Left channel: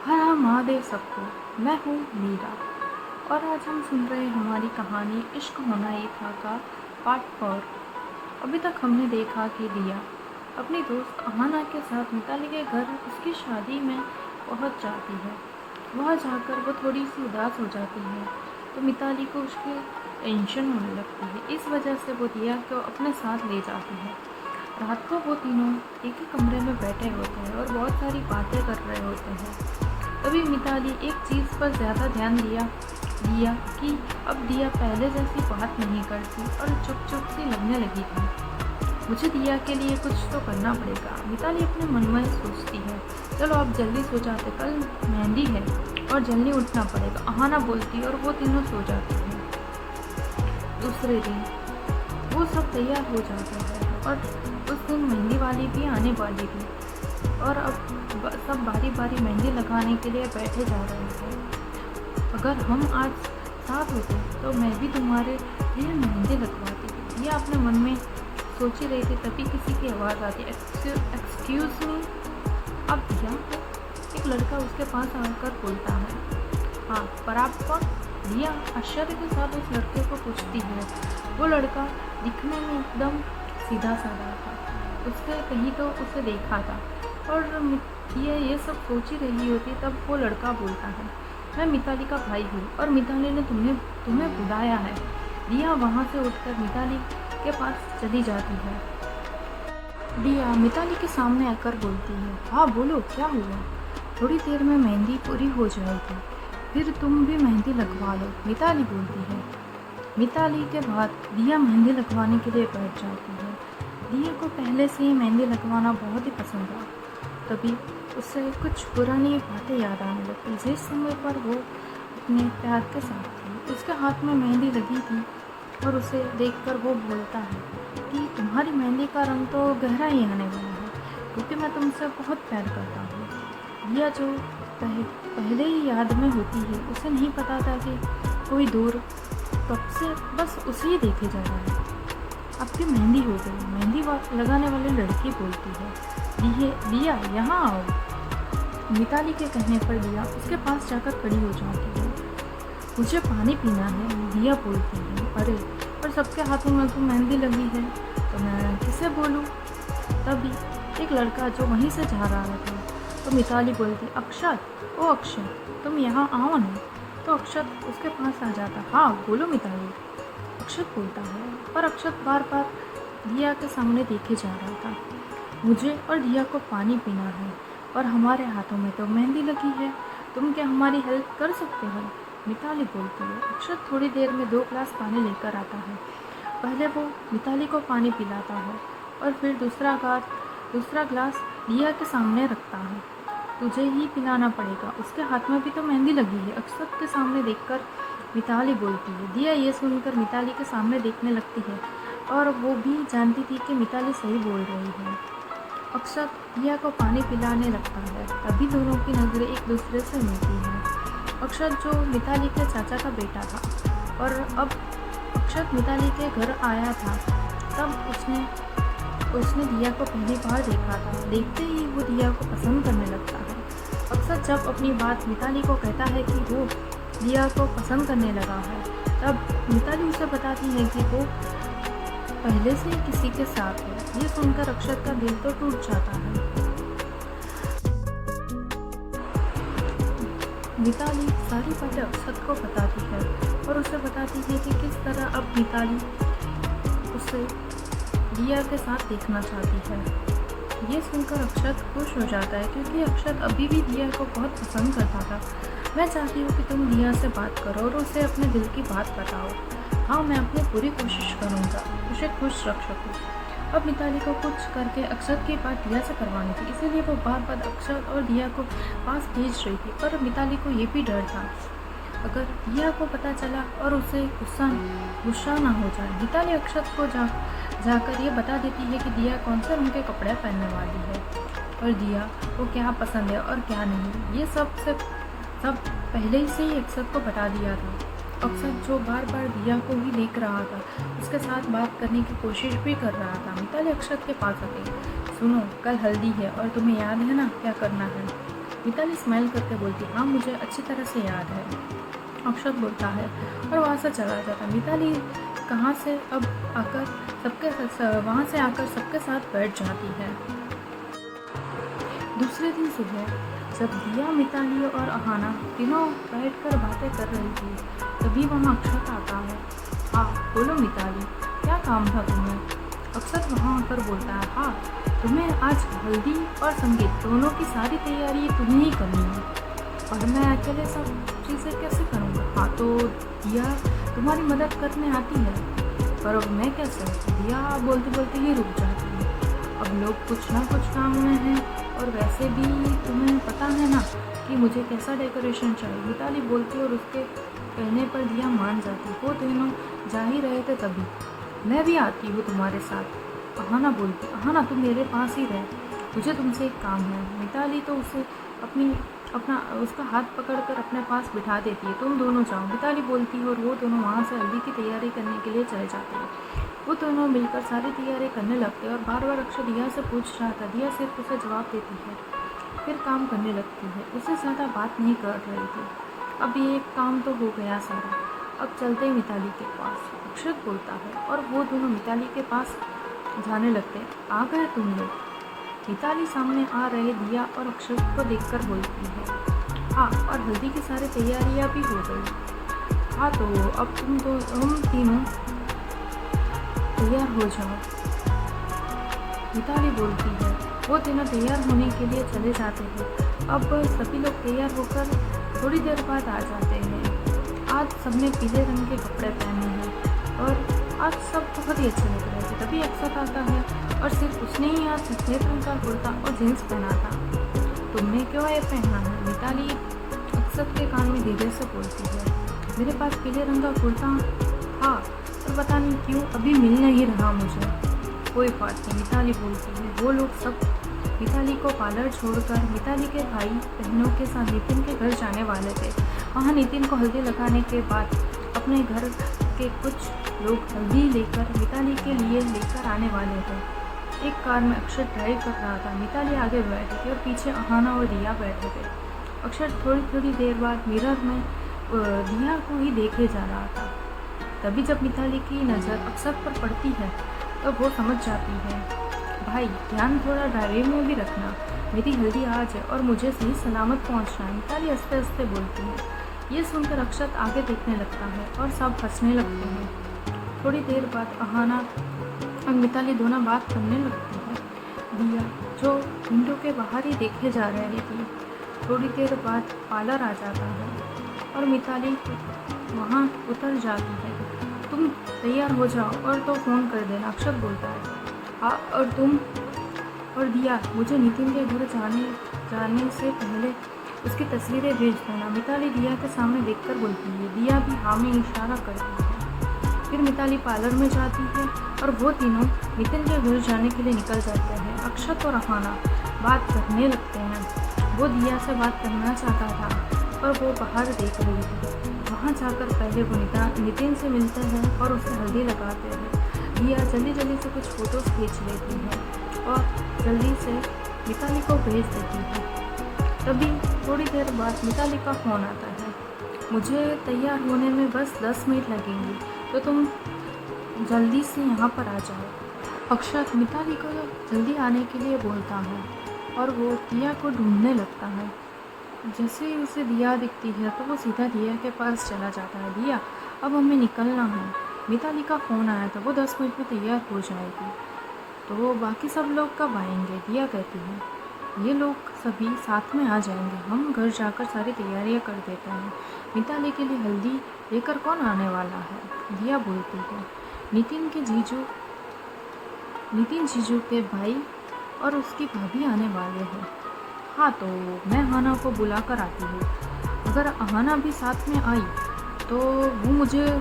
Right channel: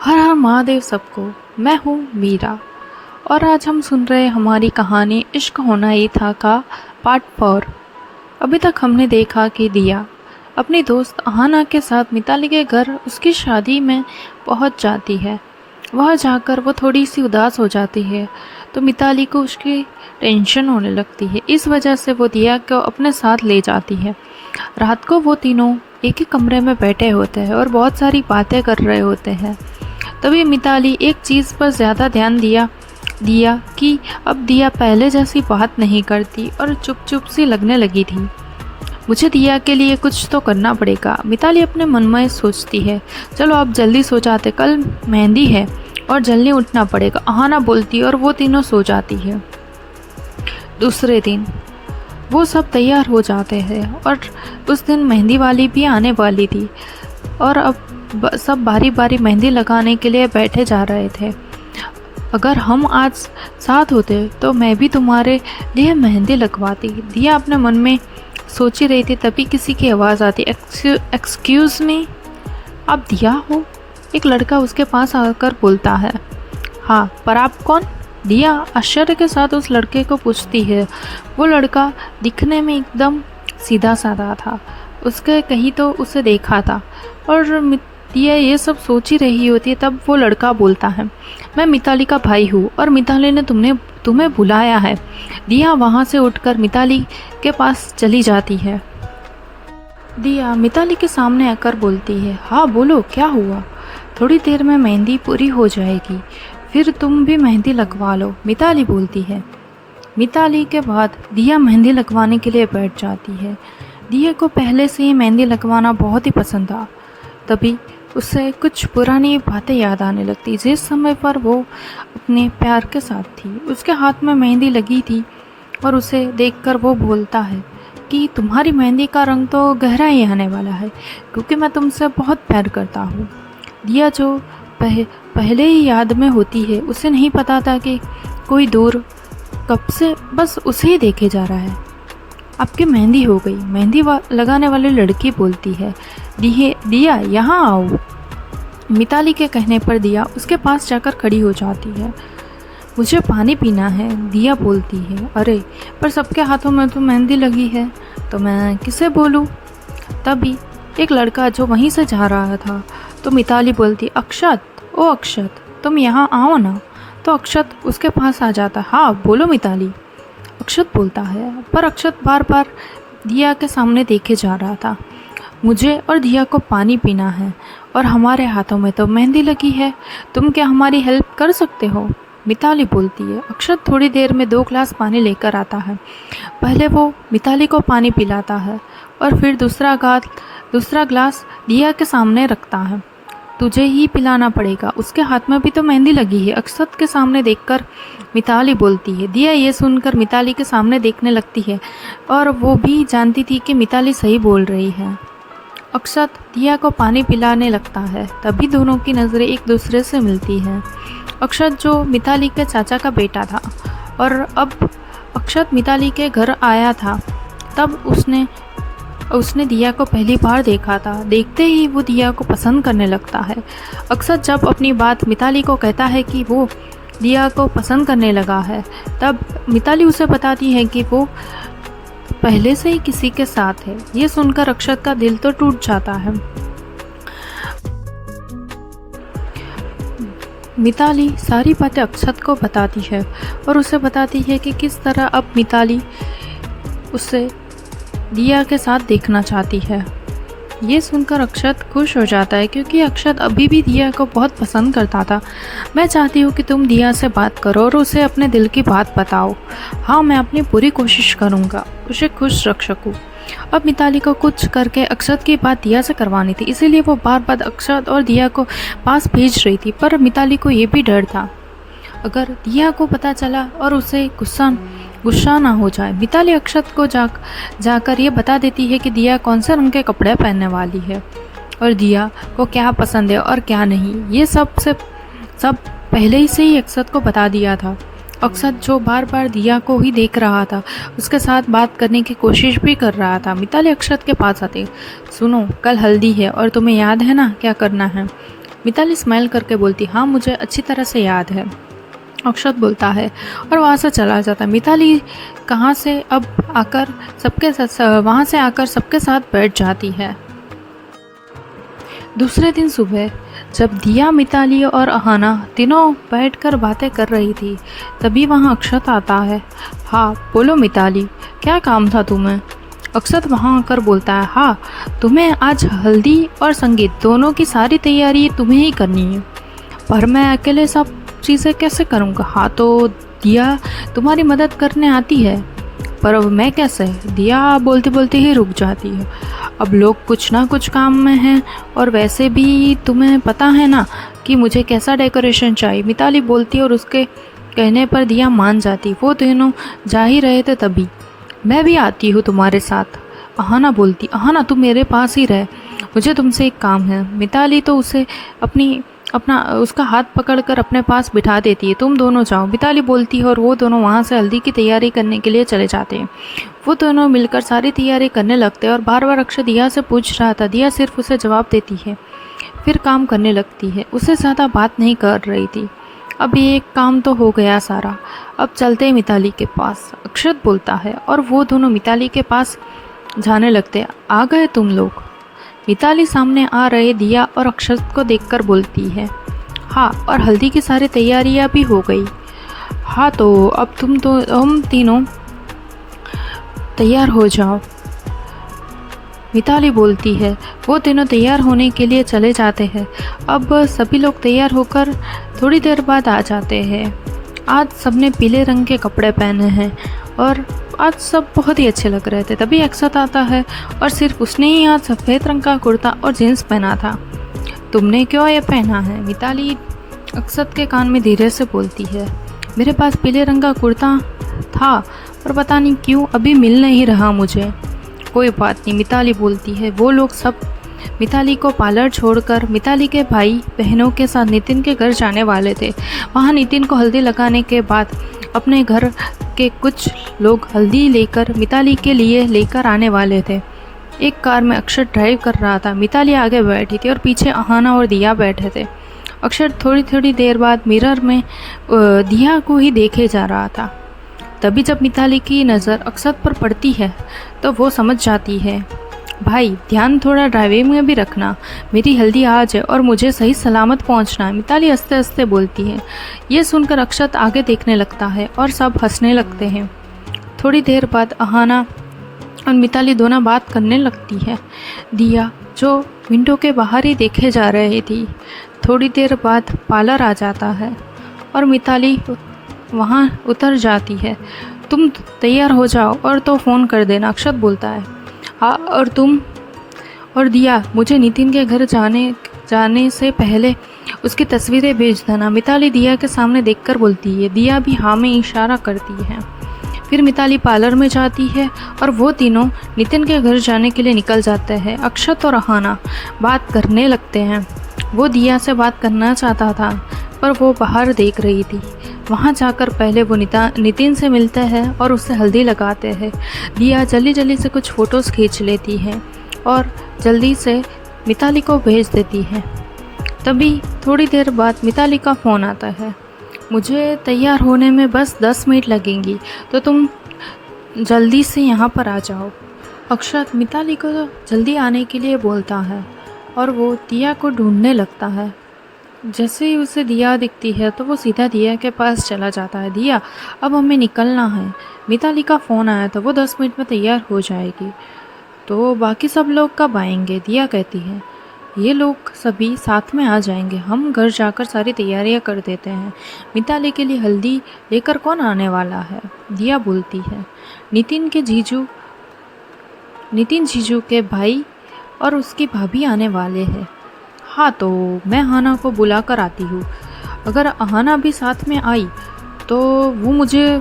हर हर महादेव सबको। मैं हूँ मीरा और आज हम सुन रहे हमारी कहानी इश्क होना ही था का पार्ट 4। अभी तक हमने देखा कि दिया अपनी दोस्त अहाना के साथ मिताली के घर उसकी शादी में पहुंच जाती है। वह जाकर वो थोड़ी सी उदास हो जाती है तो मिताली को उसकी टेंशन होने लगती है। इस वजह से वो दिया को अपने साथ ले जाती है। रात को वो तीनों एक ही कमरे में बैठे होते हैं और बहुत सारी बातें कर रहे होते हैं। तभी मिताली एक चीज़ पर ज़्यादा ध्यान दिया दिया कि अब दिया पहले जैसी बात नहीं करती और चुप चुप सी लगने लगी थी। मुझे दिया के लिए कुछ तो करना पड़ेगा, मिताली अपने मन में सोचती है। चलो अब जल्दी सो जाते, कल मेहंदी है और जल्दी उठना पड़ेगा, अहाना बोलती और वो तीनों सो जाती है। दूसरे दिन वो सब तैयार हो जाते हैं और उस दिन मेहंदी वाली भी आने वाली थी और अब सब बारी बारी मेहंदी लगाने के लिए बैठे जा रहे थे। अगर हम आज साथ होते तो मैं भी तुम्हारे लिए मेहंदी लगवाती, दिया अपने मन में सोच ही रही थी। तभी किसी की आवाज़ आती, एक्सक्यूज़ मी, आप दिया हो? एक लड़का उसके पास आकर बोलता है। हाँ, पर आप कौन? दिया आश्चर्य के साथ उस लड़के को पूछती है। वो लड़का दिखने में एकदम सीधा साधा था, उसके कहीं तो उसे देखा था और दिया ये सब सोच ही रही होती है। तब वो लड़का बोलता है, मैं मिताली का भाई हूँ और मिताली ने तुम्हें बुलाया है। दिया वहाँ से उठकर मिताली के पास चली जाती है। दिया मिताली के सामने आकर बोलती है, हाँ बोलो, क्या हुआ? थोड़ी देर में मेहंदी पूरी हो जाएगी, फिर तुम भी मेहंदी लगवा लो, मिताली बोलती है। मिताली के बाद दिया मेहंदी लगवाने के लिए बैठ जाती है। दिया को पहले से ही मेहंदी लगवाना बहुत ही पसंद था। तभी उससे कुछ पुरानी बातें याद आने लगती, जिस समय पर वो अपने प्यार के साथ थी। उसके हाथ में मेहंदी लगी थी और उसे देखकर वो बोलता है कि तुम्हारी मेहंदी का रंग तो गहरा ही आने वाला है, क्योंकि मैं तुमसे बहुत प्यार करता हूँ। दिया जो पहले ही याद में होती है, उसे नहीं पता था कि कोई दूर कब से बस उसे ही देखे जा रहा है। आपकी मेहंदी हो गई, मेहंदी लगाने वाली लड़की बोलती है। दिया यहाँ आओ। मिताली के कहने पर दिया उसके पास जाकर खड़ी हो जाती है। मुझे पानी पीना है, दिया बोलती है। अरे पर सबके हाथों में तो मेहंदी लगी है, तो मैं किसे बोलूँ? तभी एक लड़का जो वहीं से जा रहा था, तो मिताली बोलती, अक्षत, ओ अक्षत, तुम यहाँ आओ ना। तो अक्षत उसके पास आ जाता। हाँ बोलो मिताली, अक्षत बोलता है। पर अक्षत बार बार दिया के सामने देखे जा रहा था। मुझे और दिया को पानी पीना है और हमारे हाथों में तो मेहंदी लगी है, तुम क्या हमारी हेल्प कर सकते हो? मिताली बोलती है। अक्षत थोड़ी देर में 2 ग्लास पानी लेकर आता है। पहले वो मिताली को पानी पिलाता है और फिर दूसरा ग्लास दिया के सामने रखता है। तुझे ही पिलाना पड़ेगा, उसके हाथ में भी तो मेहंदी लगी है, अक्षत के सामने देखकर मिताली बोलती है। दिया ये सुनकर मिताली के सामने देखने लगती है और वो भी जानती थी कि मिताली सही बोल रही है। अक्षत दिया को पानी पिलाने लगता है। तभी दोनों की नज़रें एक दूसरे से मिलती हैं। अक्षत जो मिताली के चाचा का बेटा था और अब अक्षत मिताली के घर आया था, तब उसने दिया को पहली बार देखा था। देखते ही वो दिया को पसंद करने लगता है। अक्षत जब अपनी बात मिताली को कहता है कि वो दिया को पसंद करने लगा है, तब मिताली उसे बताती है कि वो पहले से ही किसी के साथ है। ये सुनकर अक्षत का दिल तो टूट जाता है। मिताली सारी बातें अक्षत को बताती है और उसे बताती है कि किस तरह अब मिताली उसे दिया के साथ देखना चाहती है। ये सुनकर अक्षत खुश हो जाता है, क्योंकि अक्षत अभी भी दिया को बहुत पसंद करता था। मैं चाहती हूँ कि तुम दिया से बात करो और उसे अपने दिल की बात बताओ। हाँ, मैं अपनी पूरी कोशिश करूँगा उसे खुश रख सकूँ। अब मिताली को कुछ करके अक्षत की बात दिया से करवानी थी, इसीलिए वो बार बार अक्षत और दिया को पास भेज रही थी। पर मिताली को ये भी डर था, अगर दिया को पता चला और उसे गुस्सा ना हो जाए। मिताली अक्षत को जाकर ये बता देती है कि दिया कौन से रंग के कपड़े पहनने वाली है और दिया को क्या पसंद है और क्या नहीं। ये सब पहले ही से ही अक्षत को बता दिया था। अक्षत जो बार बार दिया को ही देख रहा था, उसके साथ बात करने की कोशिश भी कर रहा था। मिताली अक्षत के पास आती, सुनो, कल हल्दी है और तुम्हें याद है ना क्या करना है? मिताली स्माइल करके बोलती, हाँ मुझे अच्छी तरह से याद है। अक्षत बोलता है और वहाँ से चला जाता है। मिताली कहाँ से अब आकर सबके साथ वहाँ से आकर सबके साथ बैठ जाती है। दूसरे दिन सुबह जब दिया, मिताली और अहाना तीनों बैठकर बातें कर रही थी, तभी वहाँ अक्षत आता है। हाँ बोलो मिताली, क्या काम था तुम्हें? अक्षत वहाँ आकर बोलता है, हाँ तुम्हें आज हल्दी और संगीत दोनों की सारी तैयारी तुम्हें ही करनी है, पर मैं अकेले सब चीज़ें कैसे करूँगा? हाँ तो दिया तुम्हारी मदद करने आती है, पर अब मैं कैसे? दिया बोलते बोलते ही रुक जाती है। अब लोग कुछ ना कुछ काम में हैं, और वैसे भी तुम्हें पता है ना कि मुझे कैसा डेकोरेशन चाहिए। मिताली बोलती है और उसके कहने पर दिया मान जाती। वो दोनों जा ही रहे थे तभी, मैं भी आती हूँ तुम्हारे साथ। अहाना बोलती, अहाना तुम मेरे पास ही रह, मुझे तुमसे एक काम है। मिताली तो उसे उसका हाथ पकड़कर अपने पास बिठा देती है। तुम दोनों जाओ, मिताली बोलती है, और वो दोनों वहाँ से हल्दी की तैयारी करने के लिए चले जाते हैं। वो दोनों मिलकर सारी तैयारी करने लगते हैं और बार बार अक्षय दिया से पूछ रहा था। दिया सिर्फ उसे जवाब देती है, फिर काम करने लगती है। उससे ज़्यादा बात नहीं कर रही थी। अब ये काम तो हो गया सारा, अब चलते हैं मिताली के पास, अक्षत बोलता है, और वो दोनों मिताली के पास जाने लगते। आ गए तुम लोग? मिताली सामने आ रहे दिया और अक्षत को देखकर बोलती है, हाँ, और हल्दी की सारी तैयारियां भी हो गई। हाँ तो अब हम तीनों तैयार हो जाओ, मिताली बोलती है। वो तीनों तैयार होने के लिए चले जाते हैं। अब सभी लोग तैयार होकर थोड़ी देर बाद आ जाते हैं। आज सबने पीले रंग के कपड़े पहने हैं और आज सब बहुत ही अच्छे लग रहे थे। तभी अक्षत आता है और सिर्फ उसने ही आज सफ़ेद रंग का कुर्ता और जीन्स पहना था। तुमने क्यों ये पहना है? मिताली अक्षत के कान में धीरे से बोलती है, मेरे पास पीले रंग का कुर्ता था, पर पता नहीं क्यों अभी मिल नहीं रहा मुझे। कोई बात नहीं, मिताली बोलती है। वो लोग सब मिताली को पार्लर छोड़कर मिताली के भाई बहनों के साथ नितिन के घर जाने वाले थे। वहाँ नितिन को हल्दी लगाने के बाद अपने घर के कुछ लोग हल्दी लेकर मिताली के लिए लेकर आने वाले थे। एक कार में अक्षर ड्राइव कर रहा था। मिताली आगे बैठी थी और पीछे अहाना और दिया बैठे थे। अक्षर थोड़ी थोड़ी देर बाद मिरर में दिया को ही देखे जा रहा था। तभी जब मिताली की नज़र अक्षत पर पड़ती है तो वो समझ जाती है, भाई ध्यान थोड़ा ड्राइविंग में भी रखना, मेरी हल्दी आज है और मुझे सही सलामत पहुंचना है। मिताली हंसते हंसते बोलती है। ये सुनकर अक्षत आगे देखने लगता है और सब हंसने लगते हैं। थोड़ी देर बाद अहाना और मिताली दोनों बात करने लगती है। दिया जो विंडो के बाहर ही देखे जा रही थी। थोड़ी देर बाद पार्लर आ जाता है और मिताली वहाँ उतर जाती है। तुम तैयार हो जाओ और तो फ़ोन कर देना, अक्षत बोलता है। हाँ, और तुम और दिया मुझे नितिन के घर जाने से पहले उसकी तस्वीरें भेज देना। मिताली दिया के सामने देखकर बोलती है। दिया भी हाँ में इशारा करती है। फिर मिताली पार्लर में जाती है और वो तीनों नितिन के घर जाने के लिए निकल जाते हैं। अक्षत और अहाना बात करने लगते हैं। वो दिया से बात करना चाहता था, पर वो बाहर देख रही थी। वहाँ जाकर पहले वो नितिन से मिलते हैं और उससे हल्दी लगाते हैं। दिया जल्दी जल्दी से कुछ फ़ोटोज़ खींच लेती है और जल्दी से मिताली को भेज देती है। तभी थोड़ी देर बाद मिताली का फ़ोन आता है। मुझे तैयार होने में बस 10 मिनट लगेंगी, तो तुम जल्दी से यहाँ पर आ जाओ। अक्षत मिताली को जल्दी आने के लिए बोलता है और वो दिया को ढूंढने लगता है। जैसे ही उसे दिया दिखती है तो वो सीधा दिया के पास चला जाता है। दिया, अब हमें निकलना है, मिताली का फ़ोन आया था, वो 10 मिनट में तैयार हो जाएगी। तो बाकी सब लोग कब आएंगे? दिया कहती है, ये लोग सभी साथ में आ जाएंगे, हम घर जाकर सारी तैयारियां कर देते हैं। मिताली के लिए हल्दी लेकर कौन आने वाला है? दिया बोलती है, नितिन जीजू के भाई और उसकी भाभी आने वाले हैं। हाँ तो मैं अहाना को बुला कर आती हूँ। अगर अहाना भी साथ में आई तो वो मुझे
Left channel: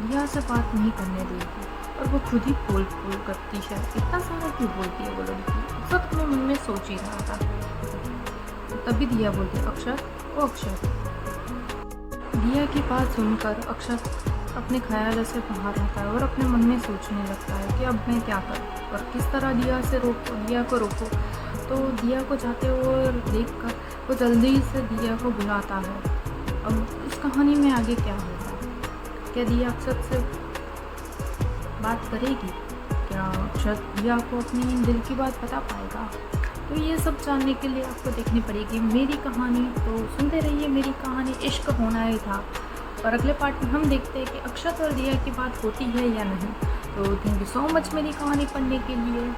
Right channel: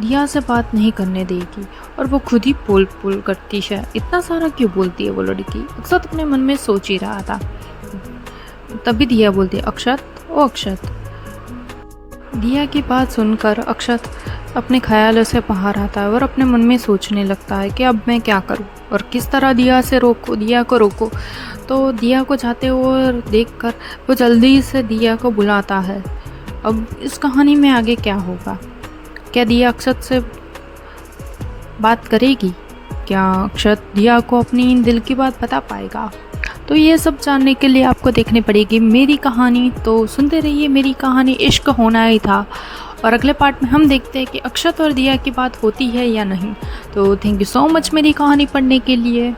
दिया से बात नहीं करने देगी और वो खुद ही पोल करती है। इतना सारा क्यों बोलती है वो लड़की? अक्षत अपने मन में सोच ही रहा था। तभी दिया बोलती है, अक्षत, ओ अक्षत। दिया की बात सुनकर अक्षत अपने ख्यालों से बाहर आता है और अपने मन में सोचने लगता है कि अब मैं क्या करूं और किस तरह दिया को रोकूं। तो दिया को जाते हुए देखकर वो जल्दी से दिया को बुलाता है। अब इस कहानी में आगे क्या होगा? क्या दिया अक्षत से बात करेगी? क्या अक्षत दिया को अपनी दिल की बात बता पाएगा? तो ये सब जानने के लिए आपको देखनी पड़ेगी मेरी कहानी। तो सुनते रहिए मेरी कहानी इश्क होना ही था। और अगले पार्ट में हम देखते हैं कि अक्षत और दिया की बात होती है या नहीं। तो थैंक यू सो मच मेरी कहानी पढ़ने के लिए।